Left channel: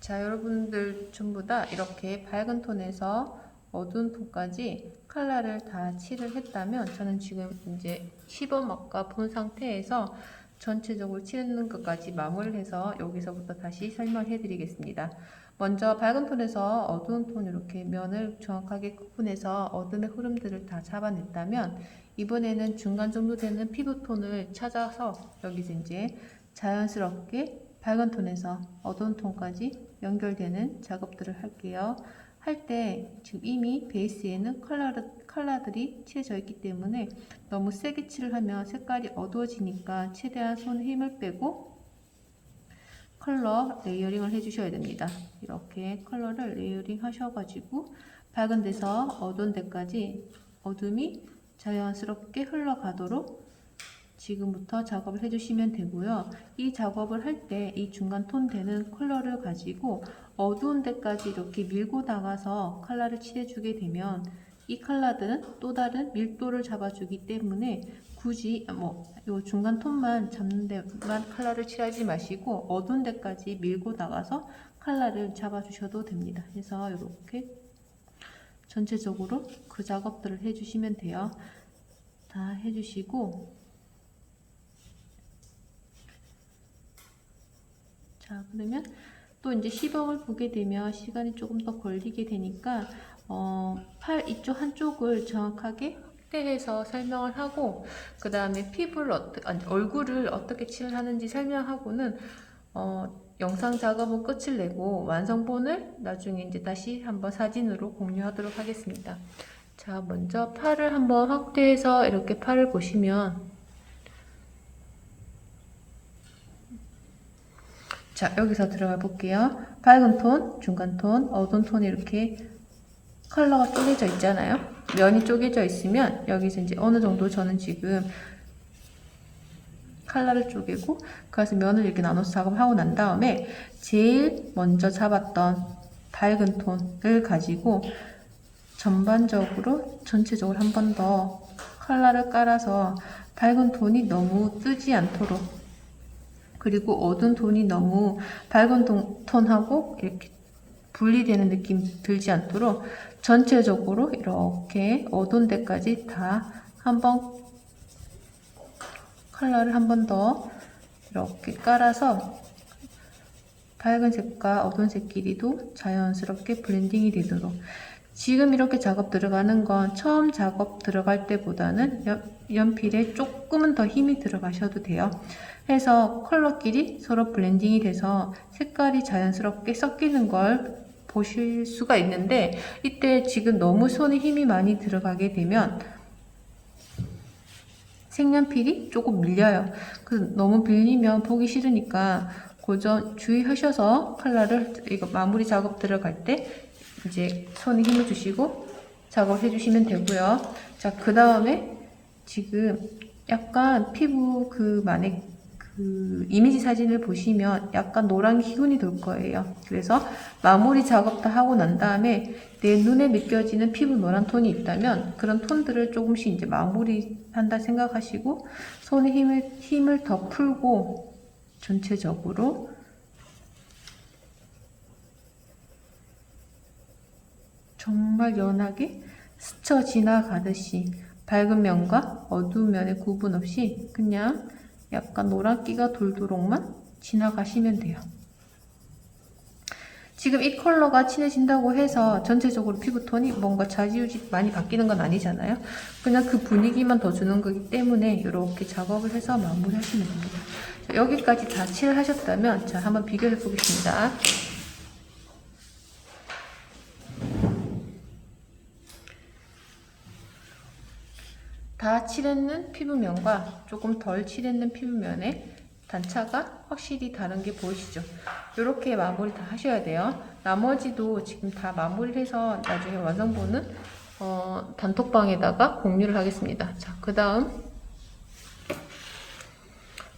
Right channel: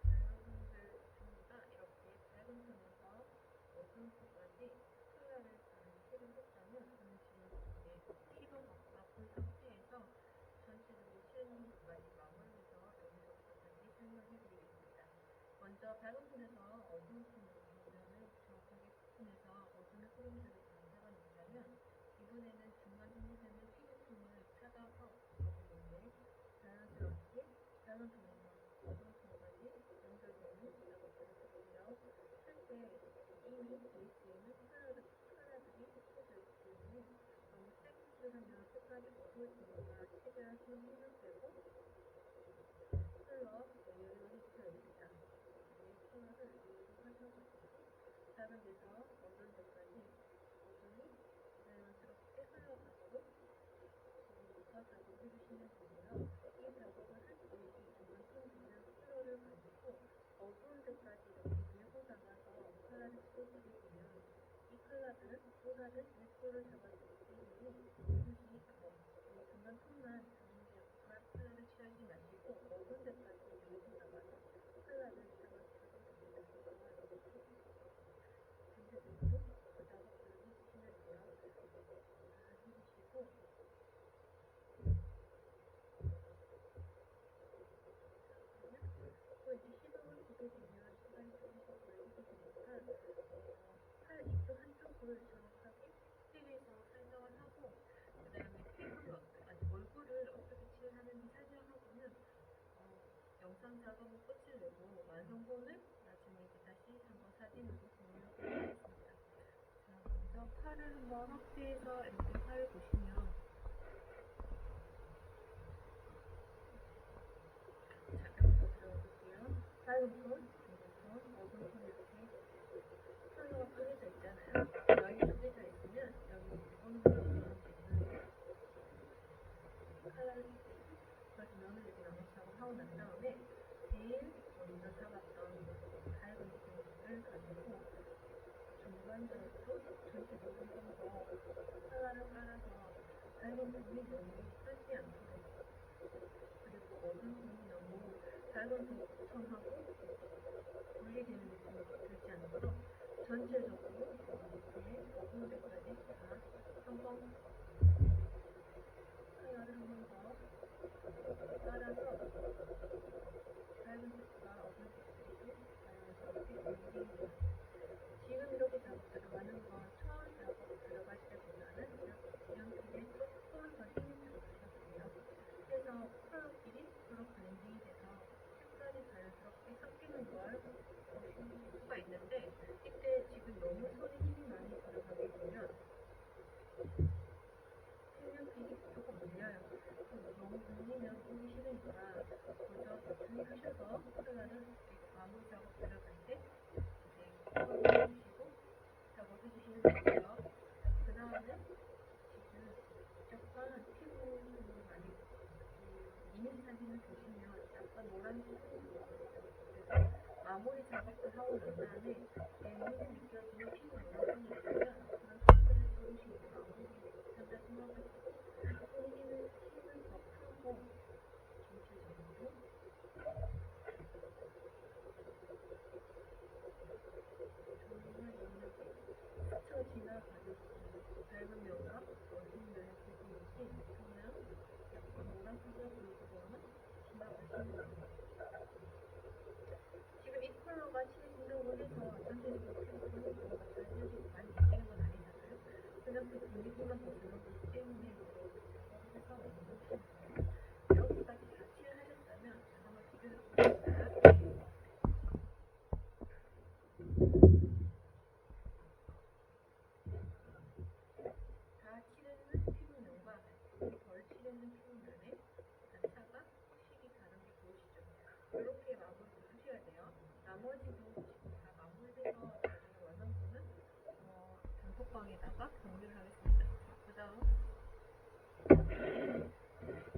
자, 여러분들 전부 다 이렇게 밝은 톤에서 어두운 톤까지 컬러를 다 칠을 했다면, 저는 지금 이제 시범 아까 본 상태에서 전체적으로 칠하는 것까지 마무리를 해서 여기서부터 다시 설명해 드리겠습니다. 먼저 밝은 톤에서 어두운 톤 이렇게 면을 정확하게 구분해서 어둠의 흐름들을 다 잡아냈다면, 이번에는 중간 정도 되는 피부톤을 찾아서 여기서 이제 자연스럽게 밝은 톤에서 어두운 톤까지 연결되는 작업들을 할게요. 할 때 지금 이미 베이스에는 컬러들이 칠해져 있기 때문에 너무 세게 칠을 하면 색깔이 어두워지니까 최대한 손에 힘을 빼고 컬러 레이어링을 해주셔야 됩니다. 이렇게 컬러를 레이어링 하셔가지고 밝은 데서 어두운 데까지 어둠이 자연스럽게 흘러가도록 지금부터 작업을 해주시면 되고요. 이 작업을 할 때 이 중간 톤 되는 컬러를 가지고 어두운 데까지 이렇게 밀고 나가서 컬러를 칠해주게 되면 이 컬러들은 또 다른 밀도를 잡아주기 때문에 굳이 요 중간 톤만 잡는 데만 컬러를 칠하지 마시고 어두운 데까지 밀고 나가서 컬러를 잡아주셔도 됩니다. 그래서 이렇게 전체적으로 그 작업들을 해주시면 돼요. 다 해주시고, 자, 그러면 또 이제 시범을 보게 되면 시간이 조금 더 걸리게 되니까 팔 이쪽 한쪽을 정확하게 확대해서 설명을 하고, 그 다음에 얼굴을 어떻게 칠하는지 설명하고는 영상 작업은 끝을 내고 완성본을 나중에 이제 다시 한번 사진으로 공유하도록 하겠습니다. 자, 먼저 팔을 한번 확대해서 이렇게 팔을 보시면, 자, 여기서 들어가 볼게요. 밝은 톤, 중간 톤, 어두운 톤이 이렇게 컬러가 쪼개져 있잖아요. 면이 쪼개져 있으면 여기서 이제 어느 정도 저는 지금 컬러를 쪼개고 그래서 면을 이렇게 나눠서 작업하고 난 다음에 제일 먼저 잡았던 밝은 톤을 가지고 전반적으로 전체적으로 한 번 더 컬러를 깔아서 밝은 톤이 너무 뜨지 않도록, 그리고 어두운 톤이 너무 밝은 톤하고 이렇게 분리되는 느낌 들지 않도록 전체적으로 이렇게 어두운 데까지 다 한번 컬러를 한 번 더 이렇게 깔아서 밝은 색과 어두운 색끼리도 자연스럽게 블렌딩이 되도록. 지금 이렇게 작업 들어가는 건 처음 작업 들어갈 때보다는 연필에 조금은 더 힘이 들어가셔도 돼요. 해서 컬러끼리 서로 블렌딩이 돼서 색깔이 자연스럽게 섞이는 걸 보실 수가 있는데, 이때 지금 너무 손에 힘이 많이 들어가게 되면 색연필이 조금 밀려요. 너무 밀리면 보기 싫으니까 그 점 주의하셔서 컬러를 이거 마무리 작업 들어갈 때 이제 손에 힘을 주시고 작업해 주시면 되고요. 자, 그 다음에 지금 약간 피부 만약 이미지 사진을 보시면 약간 노란 기운이 돌 거예요. 그래서 마무리 작업 다 하고 난 다음에 내 눈에 느껴지는 피부 노란 톤이 있다면 그런 톤들을 조금씩 이제 마무리한다 생각하시고 손에 힘을 더 풀고 전체적으로 정말 연하게 스쳐 지나가듯이 밝은 면과 어두운 면의 구분 없이 그냥 약간 노란기가 돌도록만 지나가시면 돼요. 지금 이 컬러가 진해진다고 해서 전체적으로 피부톤이 뭔가 좌지우지 많이 바뀌는 건 아니잖아요. 그냥 그 분위기만 더 주는 거기 때문에 이렇게 작업을 해서 마무리하시면 됩니다. 자, 여기까지 다 칠하셨다면 자, 한번 비교해 보겠습니다. 다 칠했는 피부면과 조금 덜 칠했는 피부면의 단차가 확실히 다른 게 보이시죠? 이렇게 마무리 다 하셔야 돼요. 나머지도 지금 다 마무리를 해서 나중에 완성본은 단톡방에다가 공유를 하겠습니다. 자, 그 다음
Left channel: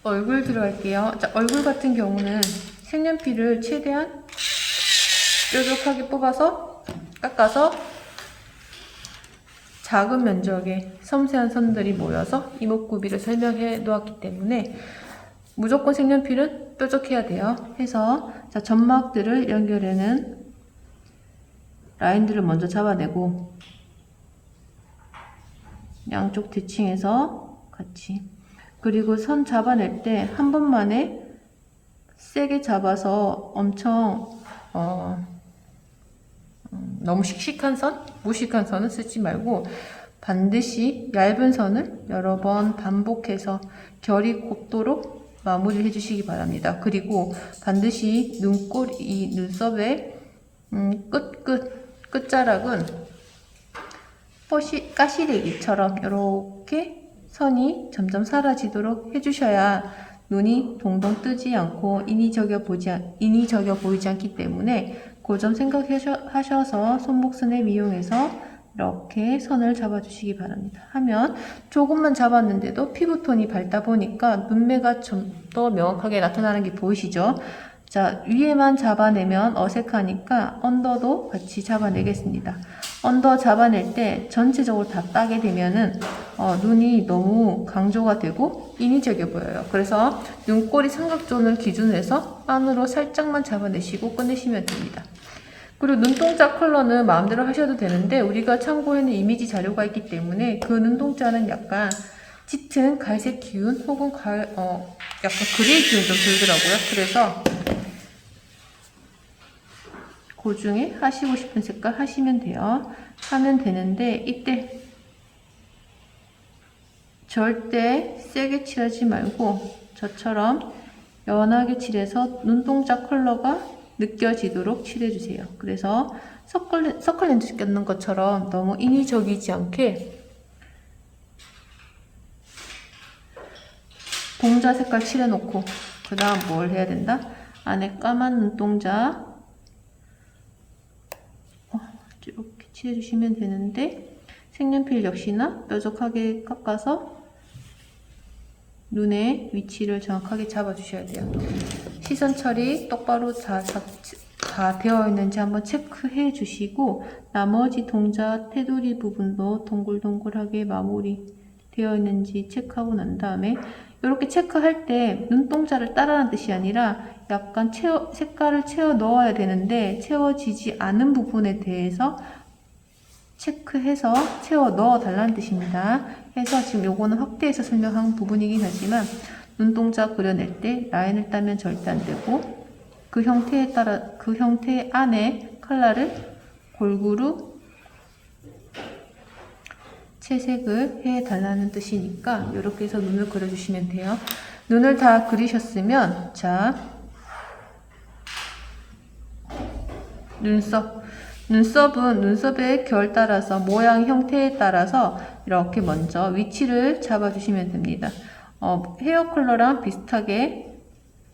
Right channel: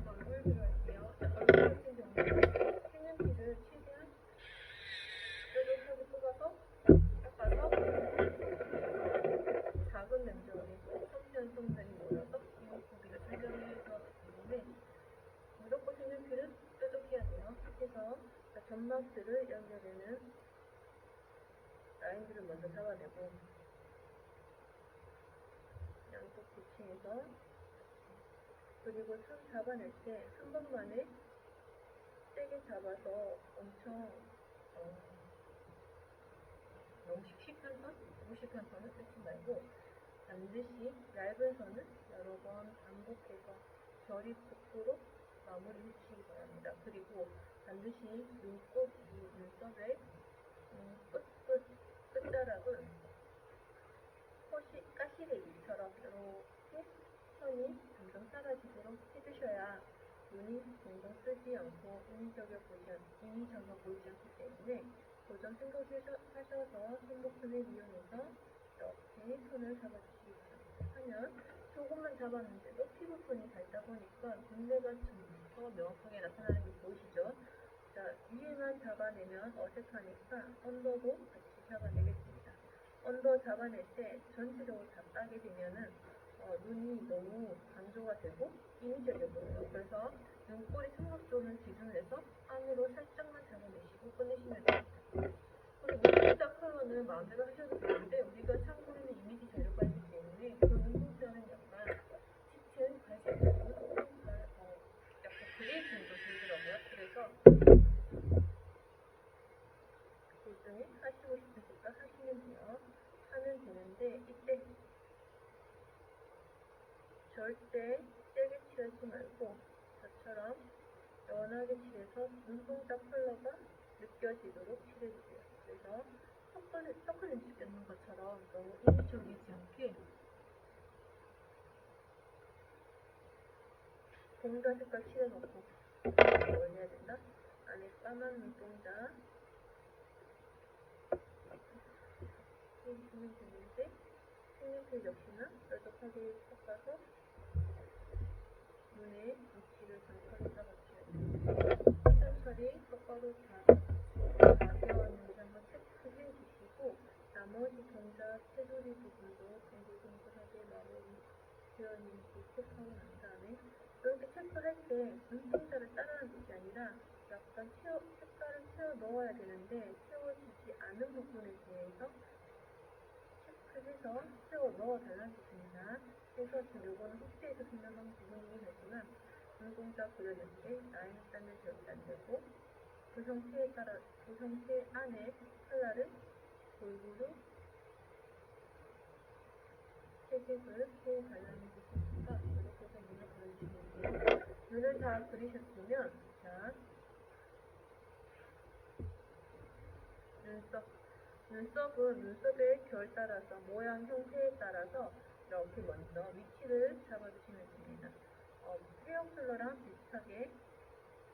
얼굴 들어갈게요. 자, 얼굴 같은 경우는 색연필을 최대한 뾰족하게 뽑아서 깎아서 작은 면적의 섬세한 선들이 모여서 이목구비를 설명해 놓았기 때문에 무조건 색연필은 뾰족해야 돼요. 해서 자, 점막들을 연결하는 라인들을 먼저 잡아내고 양쪽 대칭해서 같이, 그리고 선 잡아낼 때 한 번만에 세게 잡아서 엄청 너무 씩씩한 선, 무식한 선은 쓰지 말고 반드시 얇은 선을 여러 번 반복해서 결이 곱도록 마무리를 해주시기 바랍니다. 그리고 반드시 눈꼬리, 이 눈썹의 끝자락은 가시래기처럼 이렇게 선이 점점 사라지도록 해주셔야 눈이 동동 뜨지 않고 인위적여 보이지 않기 때문에 그 점 생각하셔서 손목선에 미용해서 이렇게 선을 잡아주시기 바랍니다. 하면 조금만 잡았는데도 피부톤이 밝다 보니까 눈매가 좀 더 명확하게 나타나는 게 보이시죠? 자, 위에만 잡아내면 어색하니까 언더도 같이 잡아내겠습니다. 언더 잡아낼 때 전체적으로 다 따게 되면은 눈이 너무 강조가 되고 인위적이어 보여요. 그래서 눈꼬리 삼각존을 기준으로 해서 안으로 살짝만 잡아내시고 끝내시면 됩니다. 그리고 눈동자 컬러는 마음대로 하셔도 되는데 우리가 참고해놓은 이미지 자료가 있기 때문에 그 눈동자는 약간 짙은 갈색 기운 혹은 약간 그레이 기운 좀 들더라고요. 그래서 그 중에 하시고 싶은 색깔 하시면 돼요. 하면 되는데 이때 절대 세게 칠하지 말고 저처럼 연하게 칠해서 눈동자 컬러가 느껴지도록 칠해주세요. 그래서 서클렌즈 껴는 것처럼 너무 인위적이지 않게 동자 색깔 칠해놓고 그 다음 뭘 해야 된다? 안에 까만 눈동자 이렇게 칠해주시면 되는데 색연필 역시나 뾰족하게 깎아서 눈의 위치를 정확하게 잡아주셔야 돼요. 시선 처리 똑바로 다 되어 있는지 한번 체크해 주시고 나머지 동자 테두리 부분도 동글동글하게 마무리 되어 있는지 체크하고 난 다음에 이렇게 체크할 때 눈동자를 따라하는 뜻이 아니라 약간 색깔을 채워 넣어야 되는데 채워지지 않은 부분에 대해서 체크해서 채워 넣어 달라는 뜻입니다. 해서 지금 요거는 확대해서 설명한 부분이긴 하지만 눈동자 그려낼 때 라인을 따면 절대 안 되고 그 형태에 따라 그 형태 안에 컬러를 골고루 채색을 해 달라는 뜻이니까 이렇게 해서 눈을 그려주시면 돼요. 눈을 다 그리셨으면 자, 눈썹은 눈썹의 결 따라서 모양 형태에 따라서 이렇게 먼저 위치를 잡아주시면 됩니다. 헤어 컬러랑 비슷하게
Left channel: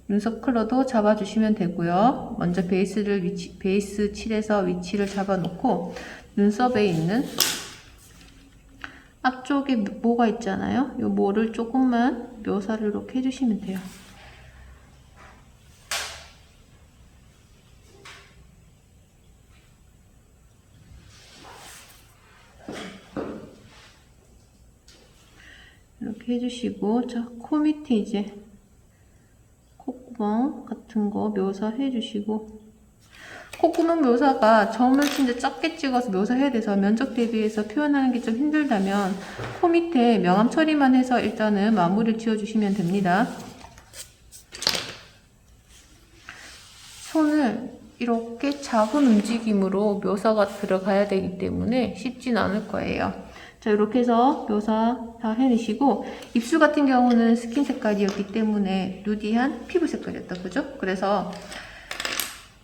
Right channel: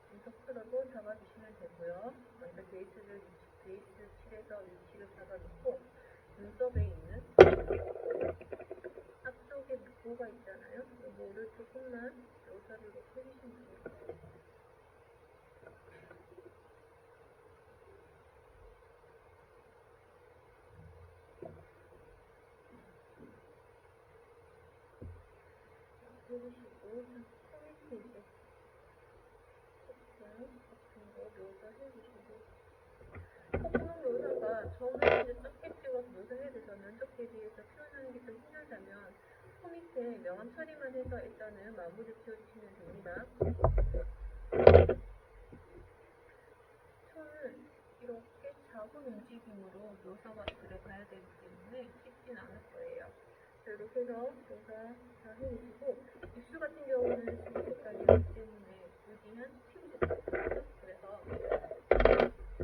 눈썹 컬러도 잡아주시면 되고요. 먼저 베이스 칠해서 위치를 잡아놓고 눈썹에 있는 앞쪽에 모가 있잖아요. 이 모를 조금만 묘사를 이렇게 해주시면 돼요. 이렇게 해주시고, 자, 코 밑에 이제 콧구멍 같은 거 묘사해 주시고, 콧구멍 묘사가 점을 진짜 작게 찍어서 묘사해야 돼서 면적 대비해서 표현하는 게 좀 힘들다면 코 밑에 명암 처리만 해서 일단은 마무리를 지어주시면 됩니다. 손을 이렇게 작은 움직임으로 묘사가 들어가야 되기 때문에 쉽진 않을 거예요. 자, 이렇게 해서 묘사 다 해내시고 입술 같은 경우는 스킨 색깔이었기 때문에 누디한 피부 색깔이었다, 그죠? 그래서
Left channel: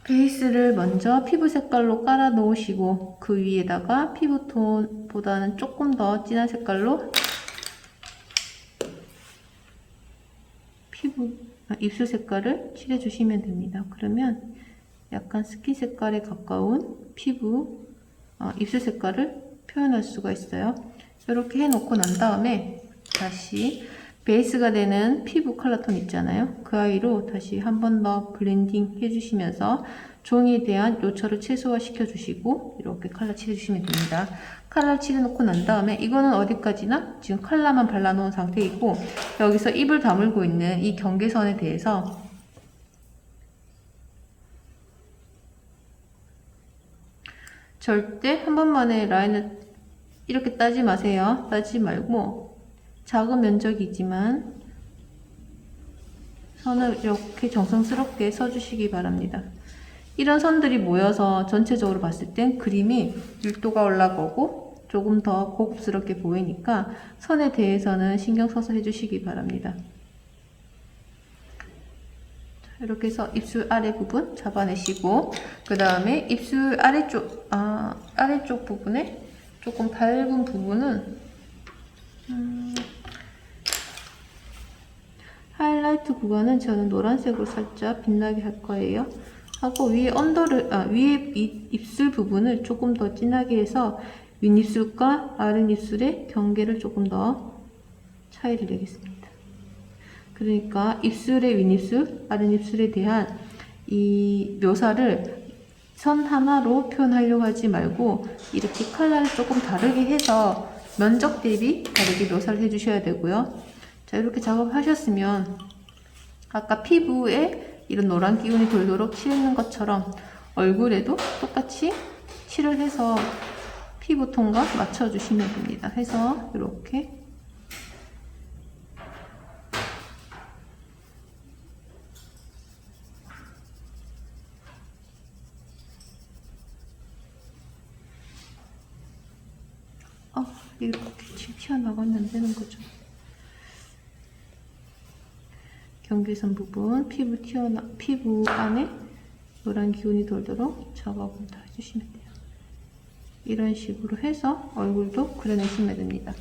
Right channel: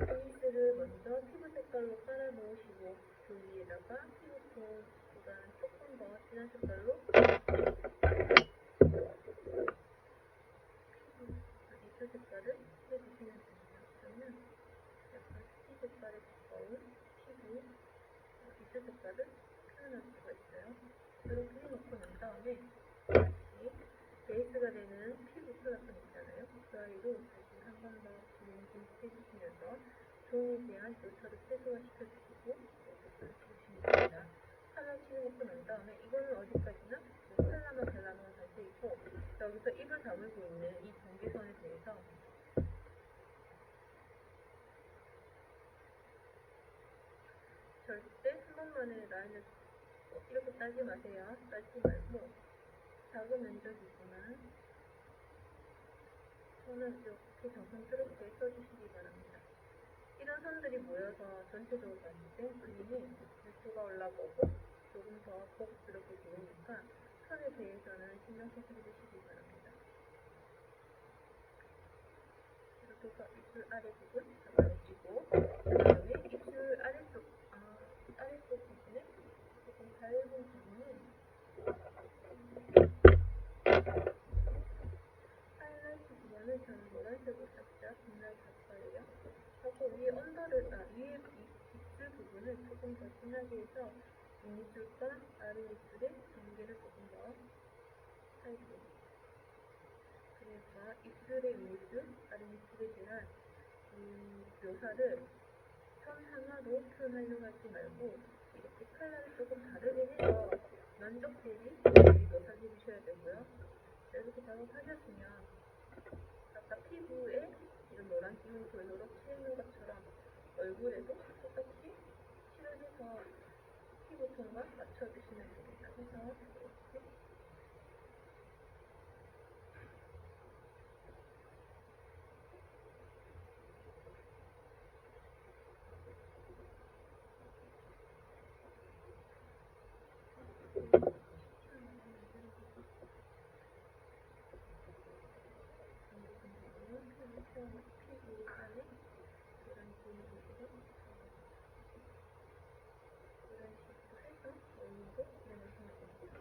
베이스를 먼저 피부 색깔로 깔아 놓으시고 그 위에다가 피부톤보다는 조금 더 진한 색깔로 입술 색깔을 칠해주시면 됩니다. 그러면 약간 스킨 색깔에 가까운 입술 색깔을 표현할 수가 있어요. 이렇게 해놓고 난 다음에 다시 베이스가 되는 피부 컬러톤 있잖아요. 그 아이로 다시 한 번 더 블렌딩 해주시면서 종이에 대한 요철을 최소화시켜 주시고 이렇게 컬러 칠해주시면 됩니다. 컬러 칠해놓고 난 다음에 이거는 어디까지나 지금 컬러만 발라놓은 상태이고 여기서 입을 다물고 있는 이 경계선에 대해서 절대 한 번만에 라인을 이렇게 따지 마세요. 따지 말고 작은 면적이지만 선을 이렇게 정성스럽게 써주시기 바랍니다. 이런 선들이 모여서 전체적으로 봤을 땐 그림이 밀도가 올라가고 조금 더 고급스럽게 보이니까 선에 대해서는 신경 써서 해주시기 바랍니다. 이렇게 해서 입술 아래 부분 잡아내시고, 그 다음에 입술 아래쪽 부분에 조금 밝은 부분은 하이라이트 구간은 저는 노란색으로 살짝 빛나게 할 거예요. 하고 위에 위에 입술 부분을 조금 더 진하게 해서 윗입술과 아랫입술의 경계를 조금 더 차이를 내겠습니다. 그러니까 입술의 윗입술, 아랫입술에 대한 이 묘사를 선 하나로 표현하려고 하지 말고 이렇게 컬러를 조금 다르게 해서 면적 대비 다르게 묘사를 해주셔야 되고요. 자, 이렇게 작업하셨으면 아까 피부에 이런 노란 기운이 돌도록 칠하는 것처럼 얼굴에도 똑같이 칠을 해서 피부톤과 맞춰주시면 됩니다. 해서 이렇게 이렇게 튀어나가면 안 되는 거죠. 경계선 부분, 피부 안에 노란 기운이 돌도록 작업을 다 해주시면 돼요. 이런 식으로 해서 얼굴도 그려내시면 됩니다.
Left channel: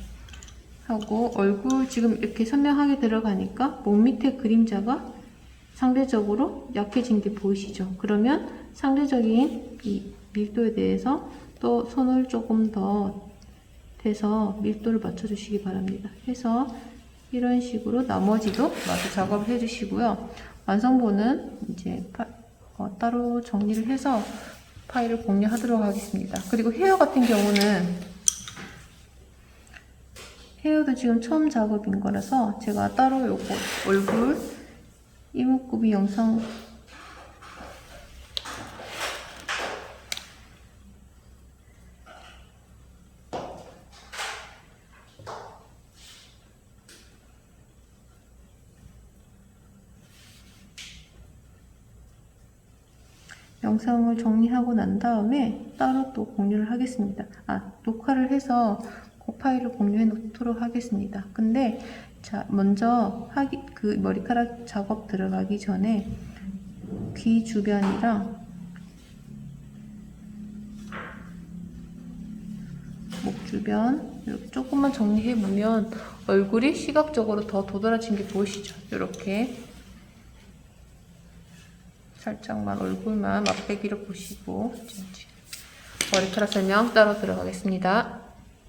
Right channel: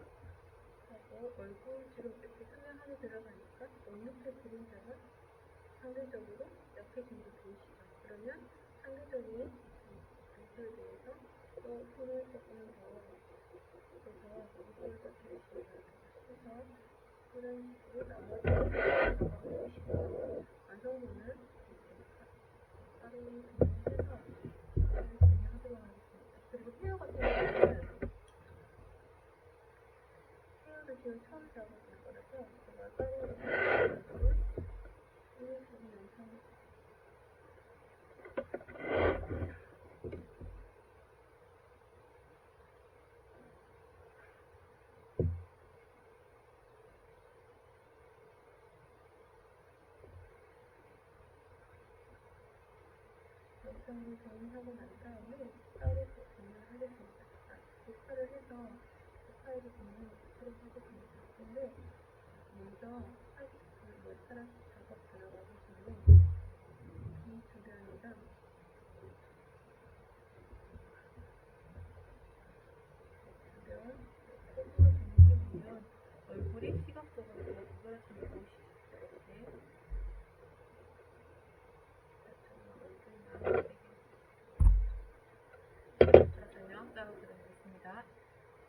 하고 얼굴 지금 이렇게 선명하게 들어가니까 목 밑에 그림자가 상대적으로 약해진 게 보이시죠? 그러면 상대적인 이 밀도에 대해서 또 손을 조금 더 대서 밀도를 맞춰주시기 바랍니다. 해서 이런 식으로 나머지도 마저 작업을 해주시고요. 완성본은 이제 따로 정리를 해서 파일을 공유하도록 하겠습니다. 그리고 헤어 같은 경우는 헤어도 지금 처음 작업인 거라서 제가 따로 요거 얼굴 이목구비 영상을 정리하고 난 다음에 따로 또 공유를 하겠습니다. 녹화를 해서 그 파일을 공유해 놓도록 하겠습니다. 근데 자, 먼저 그 머리카락 작업 들어가기 전에 귀 주변이랑 목 주변 이렇게 조금만 정리해 보면 얼굴이 시각적으로 더 도드라진 게 보이시죠? 이렇게 살짝만 얼굴만 맛배기로 보시고 머리카락 설명 따로 들어가겠습니다.